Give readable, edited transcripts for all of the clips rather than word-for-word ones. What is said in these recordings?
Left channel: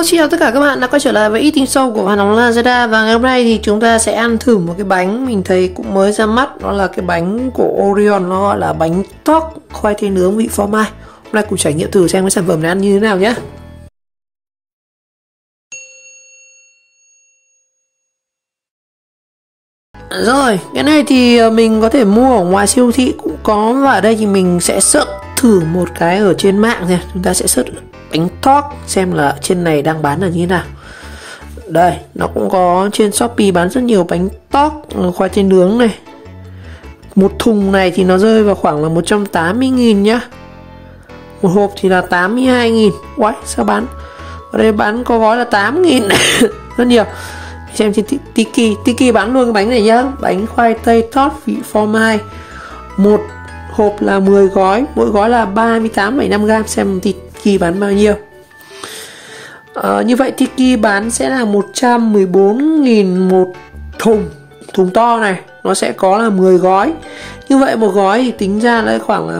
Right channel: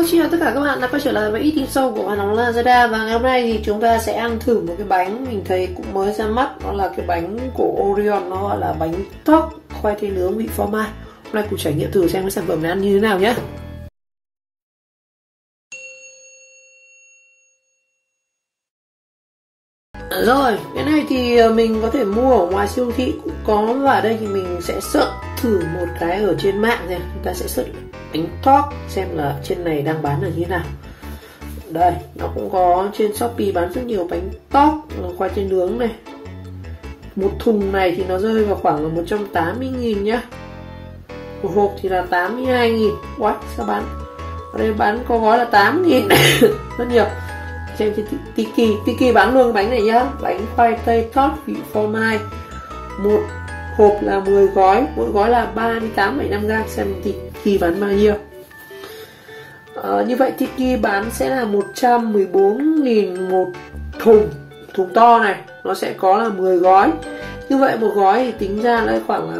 Hello, xin chào tất cả các bạn đã quay trở lại với eating show của Hàn Nóng Lazada. Và ngày hôm nay thì chúng ta sẽ ăn thử một cái bánh mình thấy cũng mới ra mắt. Đó là cái bánh của Orion, nó gọi là bánh torte khoai tây nướng vị phô mai. Hôm nay cùng trải nghiệm thử xem cái sản phẩm này ăn như thế nào nhé. Rồi, cái này thì mình có thể mua ở ngoài siêu thị cũng có. Và ở đây thì mình sẽ search thử một cái ở trên mạng nha. Chúng ta sẽ search bánh torte xem là trên này đang bán là như thế nào. Đây, nó cũng có trên Shopee bán rất nhiều bánh torte khoai tây nướng này. Một thùng này thì nó rơi vào khoảng là 180.000 nhá. Một hộp thì là 82.000. Uầy, sao bán ở đây bán có gói là 8.000. Rất nhiều. Xem trên Tiki bán luôn cái bánh này nhá. Bánh khoai tây torte vị phô mai. Một hộp là 10 gói, mỗi gói là 38,5g. Xem Tiki bán bao nhiêu. Như vậy Tiki bán sẽ là 114.000 một thùng to này. Nó sẽ có là 10 gói. Như vậy một gói thì tính ra là khoảng là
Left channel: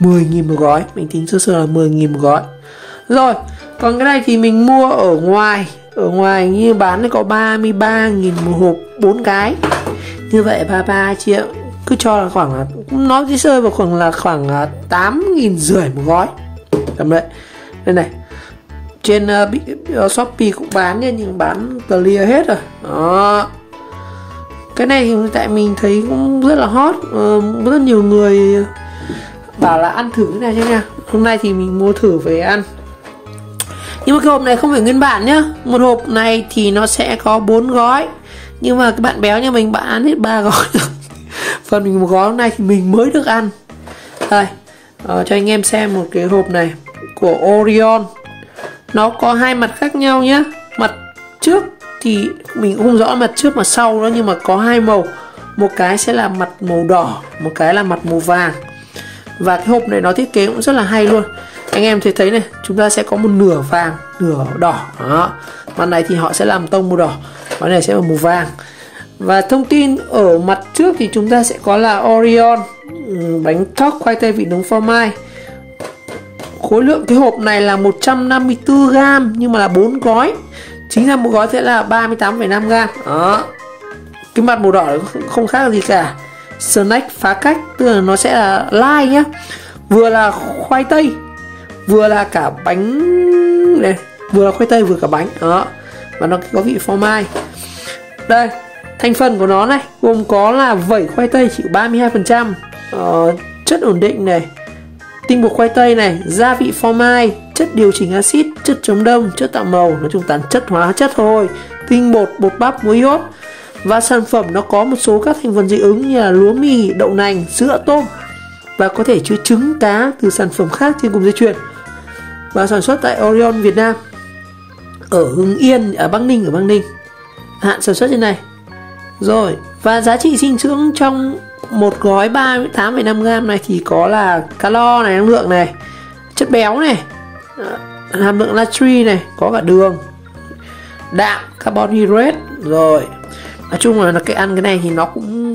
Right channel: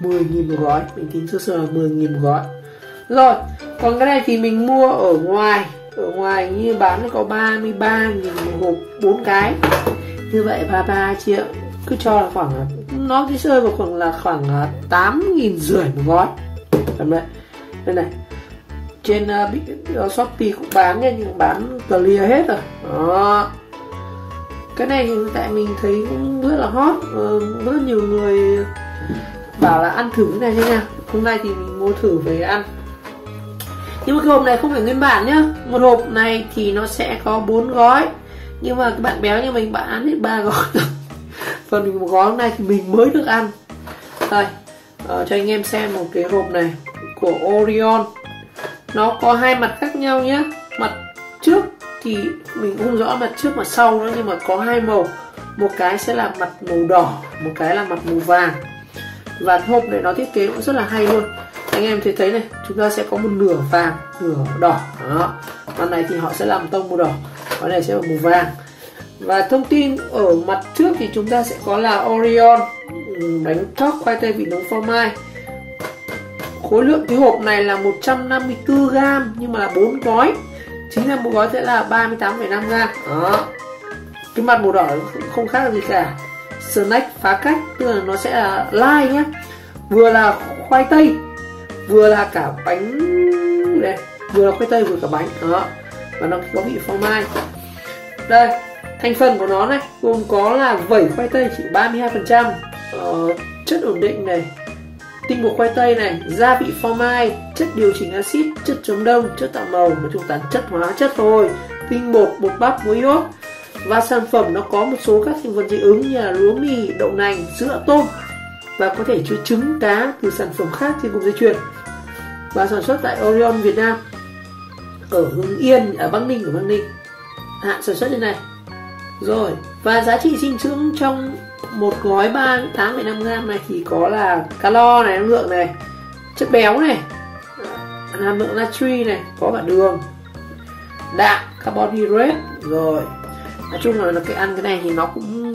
10.000 một gói. Mình tính sơ sơ là 10.000 một gói. Rồi, còn cái này thì mình mua ở ngoài. Ở ngoài như bán thì có 33.000 một hộp 4 cái. Như vậy 33 triệu. Cứ cho là khoảng là, nó chỉ rơi vào khoảng là 8.500 một gói. Tầm đấy. Đây này. Trên Shopee cũng bán nha, nhưng bán clear hết rồi. Đó. Cái này thì tại mình thấy cũng rất là hot. Rất nhiều người bảo là ăn thử cái này cho nha. Hôm nay thì mình mua thử về ăn. Nhưng mà cái hộp này không phải nguyên bản nhá. Một hộp này thì nó sẽ có 4 gói. Nhưng mà cái bạn béo như mình, bạn ăn hết 3 gói rồi. Phần mình một gói này thì mình mới được ăn. Đây, cho anh em xem một cái hộp này của Orion. Nó có hai mặt khác nhau nhá. Mặt trước thì mình cũng không rõ mặt trước mặt sau đó, nhưng mà có hai màu. Một cái sẽ là mặt màu đỏ, một cái là mặt màu vàng. Và cái hộp này nó thiết kế cũng rất là hay luôn. Anh em thấy này, chúng ta sẽ có một nửa vàng, nửa đỏ. Đó. Mặt này thì họ sẽ làm tông màu đỏ, mặt này sẽ là màu vàng. Và thông tin ở mặt trước thì chúng ta sẽ có là Orion bánh torte khoai tây vị nướng phô mai. Khối lượng cái hộp này là 154g, nhưng mà là 4 gói. Chính ra một gói sẽ là 38,5g. Đó. Cái mặt màu đỏ không khác gì cả. Snack phá cách, tức là nó sẽ là lai nhá. Vừa là khoai tây, vừa là cả bánh này, vừa là khoai tây vừa cả bánh. Đó. Và nó có vị phô mai. Đây, thành phần của nó này gồm có là vẩy khoai tây chỉ 32%, chất ổn định này, tinh bột khoai tây này, gia vị phô mai, chất điều chỉnh axit, chất chống đông, chất tạo màu, nói chung toàn chất hóa chất thôi, tinh bột, bột bắp, muối iốt. Và sản phẩm nó có một số các thành phần dị ứng như là lúa mì, đậu nành, sữa, tôm, và có thể chứa trứng, cá từ sản phẩm khác trên cùng dây chuyền. Và sản xuất tại Orion Việt Nam, ở Hưng Yên, ở Bắc Ninh, hạn sản xuất trên này. Rồi, và giá trị dinh dưỡng trong một gói 38,5g này thì có là calo này, năng lượng này, chất béo này, hàm lượng natri này, có cả đường, đạm, carbohydrate. Rồi, nói chung là cái ăn cái này thì nó cũng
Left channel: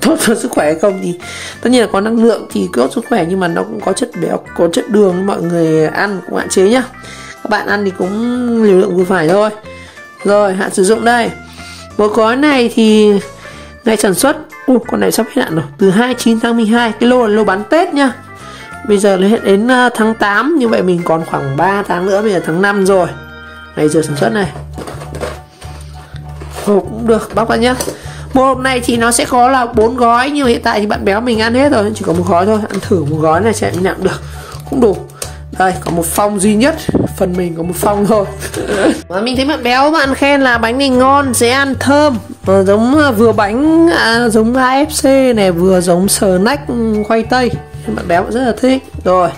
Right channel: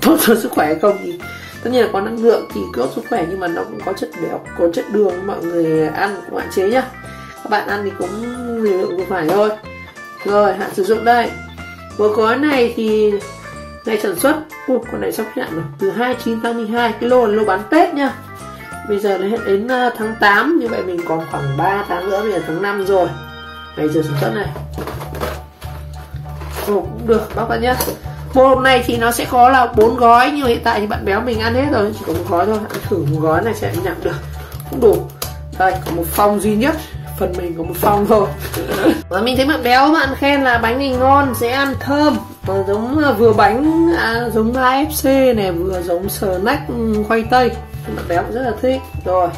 tốt cho sức khỏe hay không thì tất nhiên là có năng lượng thì tốt sức khỏe, nhưng mà nó cũng có chất béo, có chất đường, mọi người ăn cũng hạn chế nhá. Các bạn ăn thì cũng liều lượng vừa phải thôi. Rồi, hạn sử dụng đây. Một gói này thì ngày sản xuất, con này sắp hết hạn rồi, từ 29 tháng 12. Cái lô là lô bán Tết nhá. Bây giờ nó hết đến tháng 8, như vậy mình còn khoảng 3 tháng nữa, bây giờ tháng 5 rồi. Ngày giờ sản xuất này. Hộp cũng được, bóc ra nhá. Một hộp này thì nó sẽ có là 4 gói, nhưng hiện tại thì bạn béo mình ăn hết rồi, chỉ có một gói thôi. Ăn thử một gói này sẽ nhận được, cũng đủ. Đây, có một phong duy nhất, phần mình có một phong thôi. Và mình thấy bạn béo bạn khen là bánh này ngon, dễ ăn, thơm, giống vừa bánh giống KFC này, vừa giống snack khoai tây. Bạn béo cũng rất là thích. Rồi,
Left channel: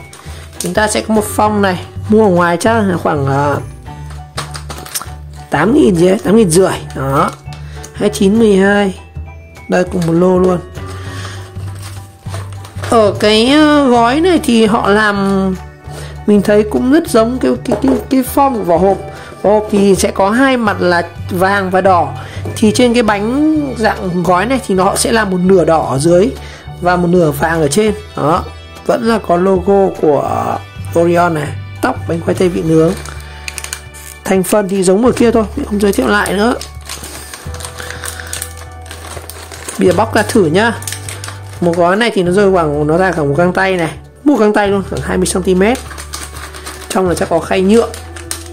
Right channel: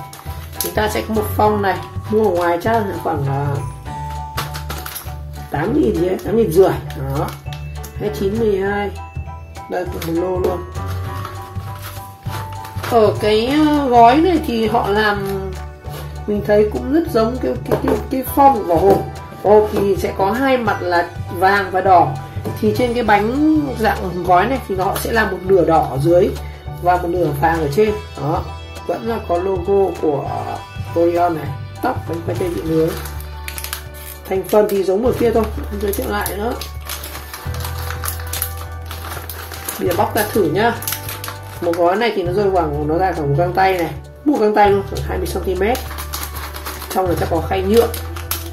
chúng ta sẽ có một phong này, mua ở ngoài chắc là khoảng 8.000 gì đấy, 8.500. Đó, 29, 12. Đây cùng một lô luôn. Ở cái gói này thì họ làm, mình thấy cũng rất giống cái form của vỏ hộp. Vỏ hộp thì sẽ có hai mặt là vàng và đỏ. Thì trên cái bánh dạng gói này thì nó sẽ là một nửa đỏ ở dưới và một nửa vàng ở trên. Đó, vẫn là có logo của Orion này, tóc bánh khoai tây vị nướng. Thành phần thì giống ở kia thôi, mình không giới thiệu lại nữa. Bây giờ bóc ra thử nhá. Một gói này thì nó rơi khoảng, nó ra cả một găng tay này, một găng tay luôn, khoảng 20 cm. Trong này sẽ có khay nhựa.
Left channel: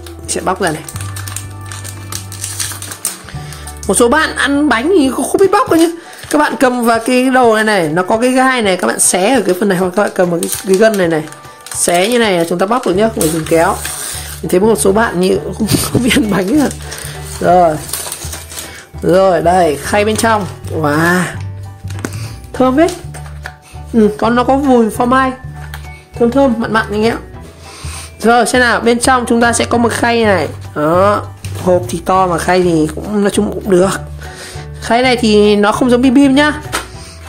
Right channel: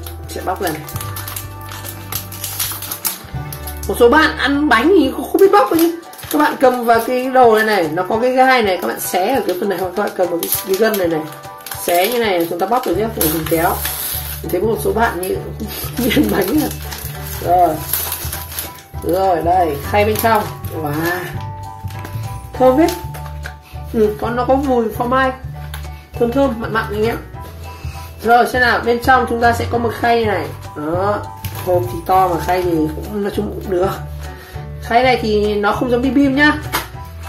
Mình sẽ bóc ra này. Một số bạn ăn bánh thì không biết bóc đâu nhá. Các bạn cầm vào cái đồ này này, nó có cái gai này, các bạn xé ở cái phần này, hoặc các bạn cầm vào cái gân này này, xé như này là chúng ta bóc được nhá, phải dùng kéo. Mình thấy một số bạn như không biết ăn bánh nữa. Rồi đây, khay bên trong. Wow, thơm hết. Còn nó có mùi phô mai, thơm thơm mặn mặn anh em. Rồi xem nào, bên trong chúng ta sẽ có một khay này. Đó, hộp thì to mà khay thì cũng nói chung cũng được. Khay này thì nó không giống bim bim nhá.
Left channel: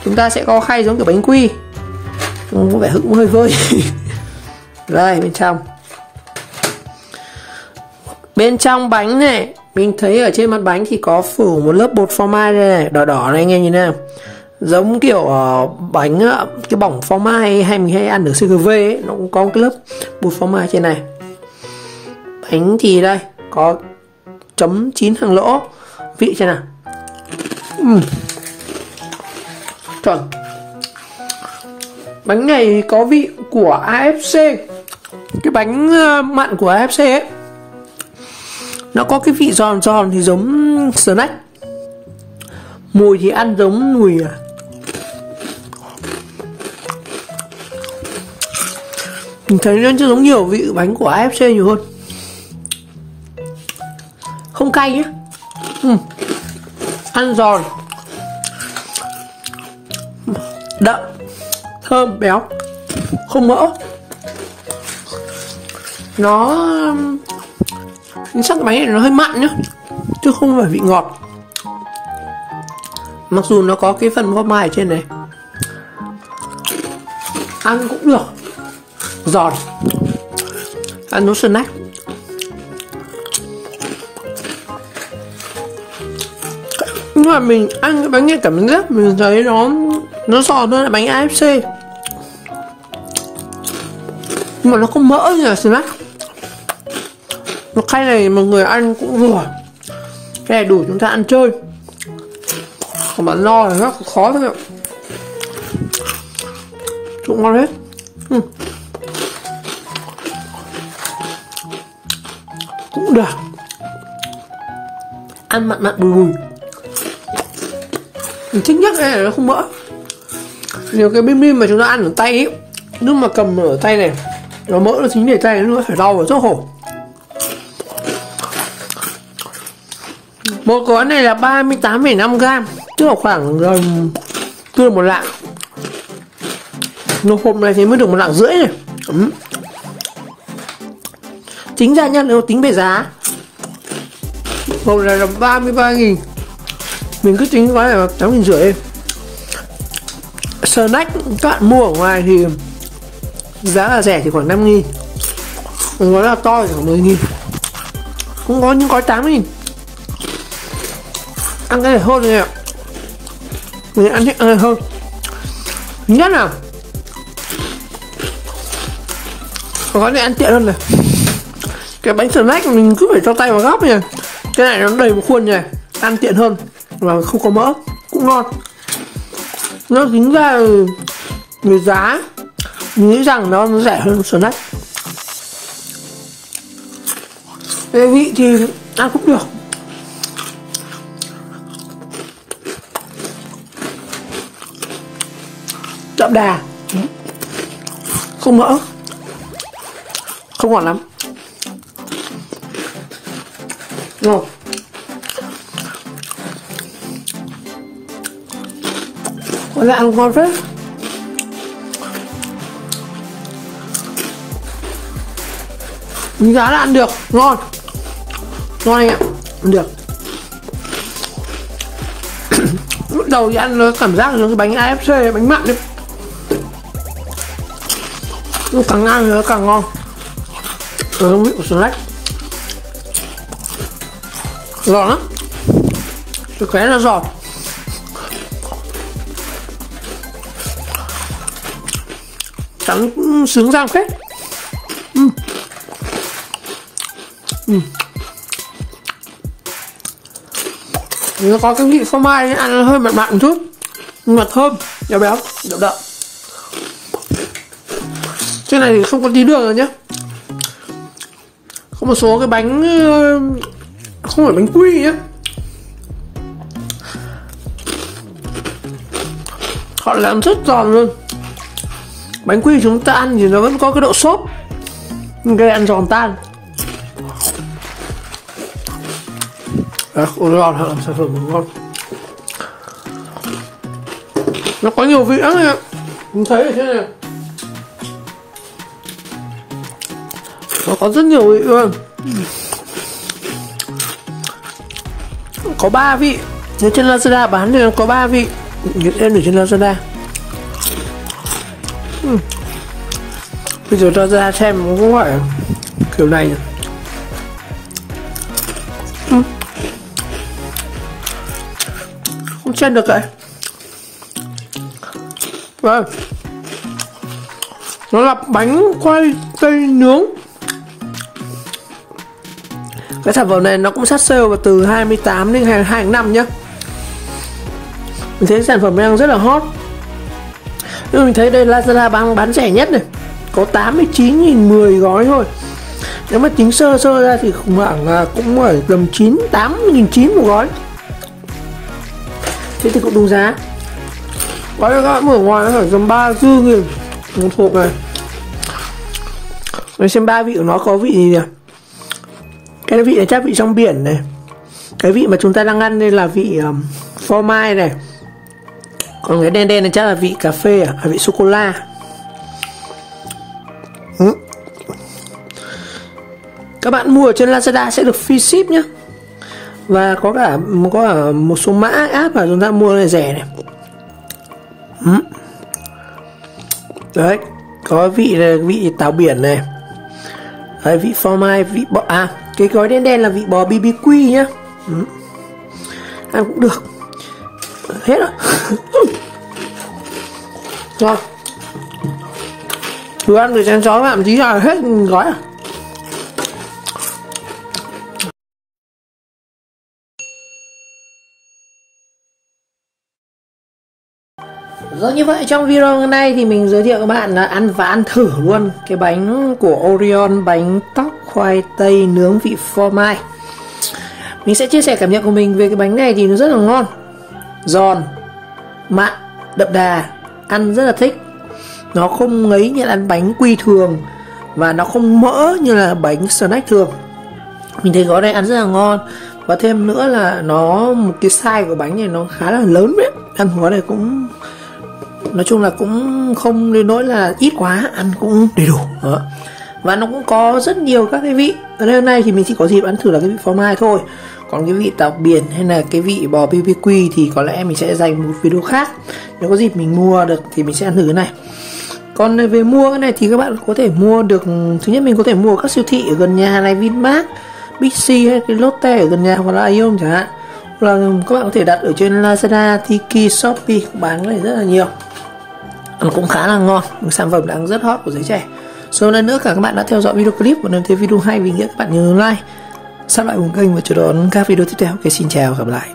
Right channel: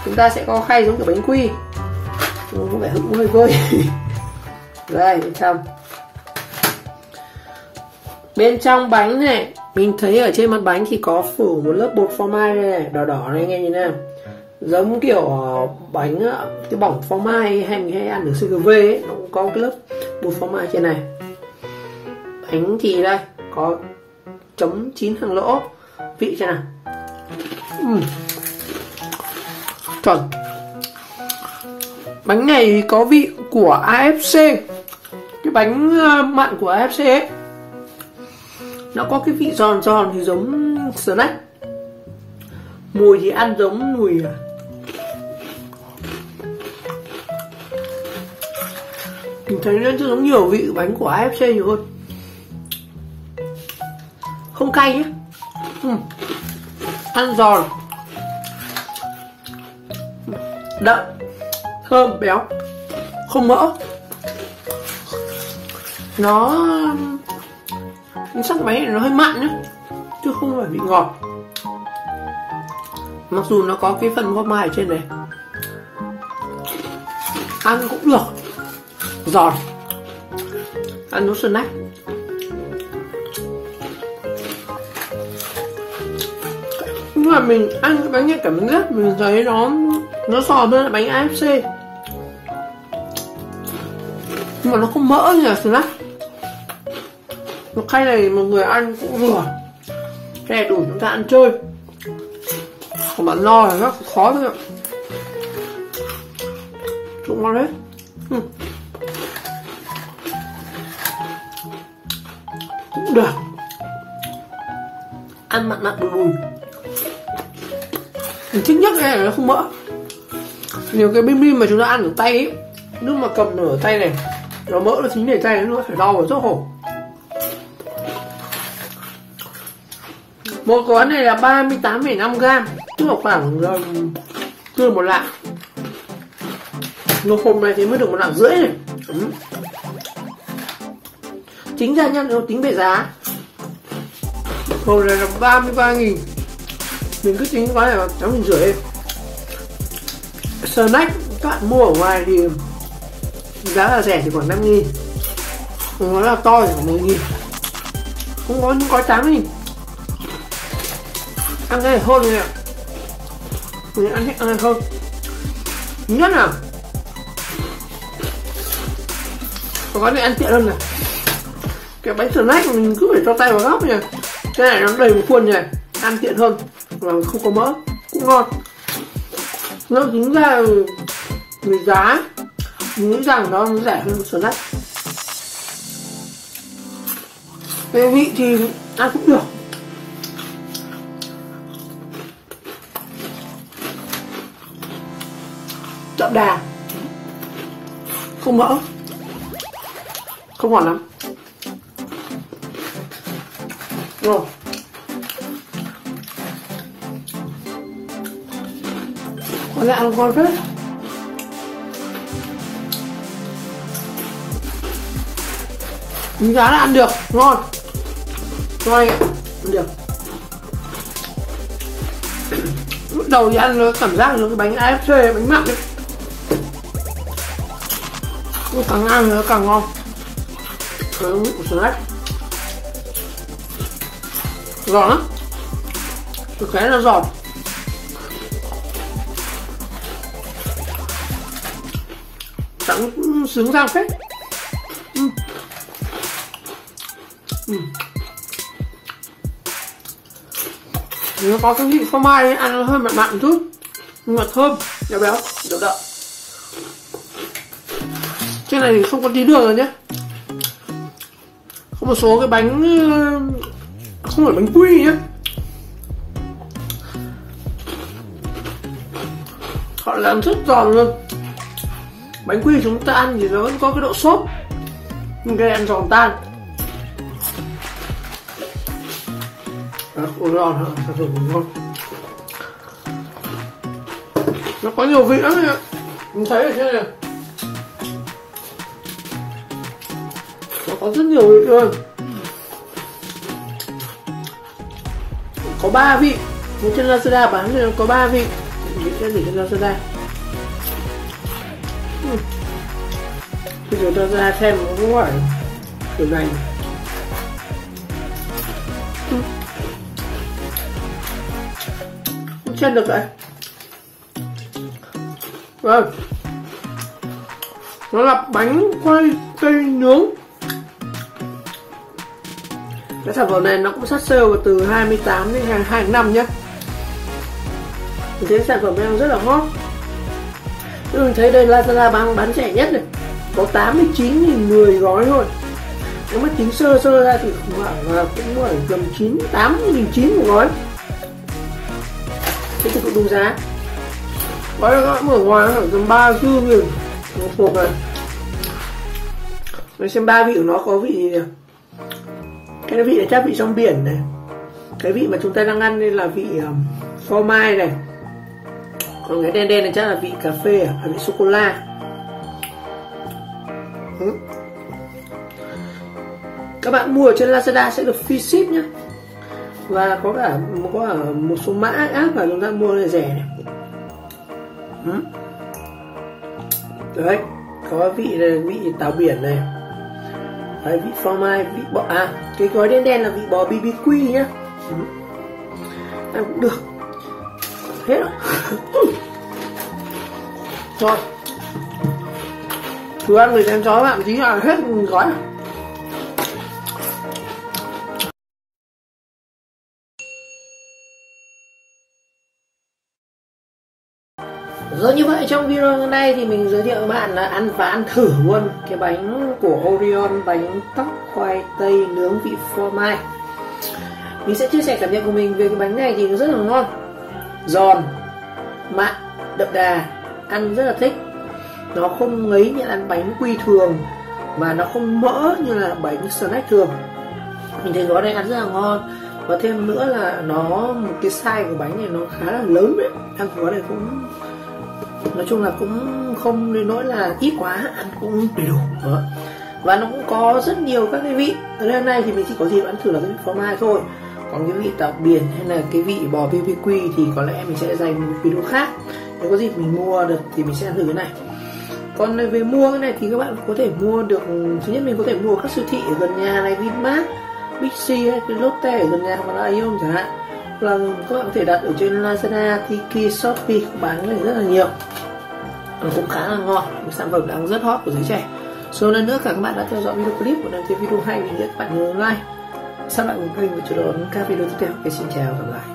Chúng ta sẽ có khay giống kiểu bánh quy, có vẻ hững hơi vơi. Đây bên trong. Bên trong bánh này, mình thấy ở trên mặt bánh thì có phủ một lớp bột phô mai này, đỏ đỏ này anh em nhìn nào. Giống kiểu bánh cái bỏng phô mai hay mình hay ăn ở CGV ấy, nó cũng có cái lớp bột phô mai trên này. Bánh thì đây có chấm 9 hàng lỗ. Vị xem nào. Chuẩn. Bánh này có vị của AFC. Cái bánh mặn của AFC ấy, nó có cái vị giòn giòn thì giống snack. Mùi thì ăn giống mùi mình thấy nó giống nhiều vị bánh của AFC nhiều hơn. Không cay nhé. Ăn giòn, đậm, thơm, béo, không mỡ. Nó sắc bánh này nó hơi mặn nhá, chứ không phải vị ngọt. Mặc dù nó có cái phần phô mai ở trên này, ăn cũng được, giòn, ăn nó snack. Nhưng mà mình ăn cái bánh này cảm giác mình thấy nó giòn hơn là bánh AFC, nhưng mà nó không mỡ như là snack. Một khay này mà người ăn cũng vừa, cái này đủ chúng ta ăn chơi. Còn bạn no là rất khó thôi ạ. Cũng ngon hết. Cũng được, ăn mặn mặn bùi bùi. Mình thích nhất cái này nó không mỡ. Nhiều cái bim bim mà chúng ta ăn ở tay ấy, lúc mà cầm ở tay này nó mỡ nó dính để tay, nó phải đau và rất khổ. Một gói này là 38,5g, tức là khoảng tương một lạng. Một hộp này thì mới được 1,5 lạng này. Tính ra nha, nếu tính về giá, hộp này là 33.000. Mình cứ tính gói này là 8.500. Snack các bạn mua ở ngoài thì giá là rẻ thì khoảng 5.000. Gói là to thì khoảng 10.000. Cũng có những gói 8.000. Ăn cái này hơn này ạ. Mình ăn thích ăn này hơn. Nhất nào, gói này ăn tiện hơn này. Cái bánh snack mình cứ phải cho tay vào góc này. Cái này nó đầy một khuôn này, ăn tiện hơn và không có mỡ, cũng ngon. Nó tính ra về giá mình nghĩ rằng nó rẻ hơn snack. Cái vị thì ăn cũng được. Đậm đà, không mỡ, không ngọt lắm. Rồi, có lẽ ăn ngon phết. Giá là ăn được, ngon, ngon anh ạ, ăn được. Lúc đầu thì ăn nó cảm giác như cái bánh AFC, bánh mặn đấy. Nhưng càng ăn thì nó càng ngon. Nó vị của snack giòn lắm, cái khóe nó giòn. Cắn sướng răng phết. Nó có cái vị phô mai nên ăn hơi mặn mặn một chút, nhưng mà thơm, béo béo, đậm đậm. Trên này thì không có tí đường rồi nhá. Có một số cái bánh không phải bánh quy nhá, họ làm rất giòn luôn. Bánh quy chúng ta ăn thì nó vẫn có cái độ xốp, nhưng cái ăn giòn tan. Ngon hơn, sản phẩm ngon. Nó có nhiều vị lắm ạ. Mình thấy thế này, nó có rất nhiều vị luôn. Có 3 vị. Nếu trên Lazada bán thì nó có 3 vị. Nghiên em ở trên Lazada. Bây giờ cho ra xem có phải kiểu này. Không chen được vậy. Vâng. Nó là bánh khoai tây nướng. Cái sản phẩm này nó cũng sát sale vào từ 28 đến 22 tháng 5 nhá. Mình thấy sản phẩm đang rất là hot. Nhưng mình thấy đây Lazada bán rẻ nhất này, có 89.000 10 gói thôi. Nếu mà tính sơ ra thì khoảng là cũng ở tầm 8.900 một gói. Thế thì cũng đúng giá. Gói các bạn ở ngoài nó khoảng tầm 34.000 một hộp này. Rồi xem 3 vị của nó có vị gì nhỉ? Cái vị này chắc vị trong biển này. Cái vị mà chúng ta đang ăn đây là vị phô mai này. Còn cái đen đen này chắc là vị cà phê à, vị sô cô la. Các bạn mua ở trên Lazada sẽ được free ship nhé. Và có cả một số mã app mà chúng ta mua này rẻ này. Đấy, có vị này, vị táo biển này. Đấy, vị phô mai, vị bò cái gói đen đen là vị bò BBQ nhá. Ăn cũng được. Hết rồi. Rồi. Thử ăn người chén chó làm tí là hết gói à. Rồi, như vậy trong video hôm nay thì mình giới thiệu các bạn là ăn và ăn thử luôn cái bánh của Orion, bánh tóc khoai tây nướng vị phô mai. Mình sẽ chia sẻ cảm nhận của mình về cái bánh này thì nó rất là ngon, giòn, mặn, đậm đà, ăn rất là thích. Nó không ngấy như là ăn bánh quy thường, và nó không mỡ như là bánh snack thường. Mình thấy gói này ăn rất là ngon. Và thêm nữa là nó một cái size của bánh này nó khá là lớn đấy. Ăn gói này cũng nói chung là cũng không đến nỗi là ít quá, ăn cũng đầy đủ đó. Và nó cũng có rất nhiều các cái vị. Ở đây hôm nay thì mình chỉ có dịp ăn thử là cái vị phô mai thôi. Còn cái vị táo biển hay là cái vị bò BBQ thì có lẽ mình sẽ dành một video khác. Nếu có dịp mình mua được thì mình sẽ ăn thử cái này. Còn về mua cái này thì các bạn có thể mua được. Thứ nhất mình có thể mua ở các siêu thị ở gần nhà này, Vinmart, Bixi hay cái Lotte ở gần nhà, hoặc là Aeon chẳng hạn. Hoặc là các bạn có thể đặt ở trên Lazada, Tiki, Shopee, bán cái này rất là nhiều. Nó cũng khá là ngon, một sản phẩm đang rất hot của giới trẻ. Rồi lần nữa cả các bạn đã theo dõi video clip, và nếu thấy video hay mình nhớ các bạn nhớ like, subscribe cùng kênh và chờ đón các video tiếp theo. Xin chào, gặp lại.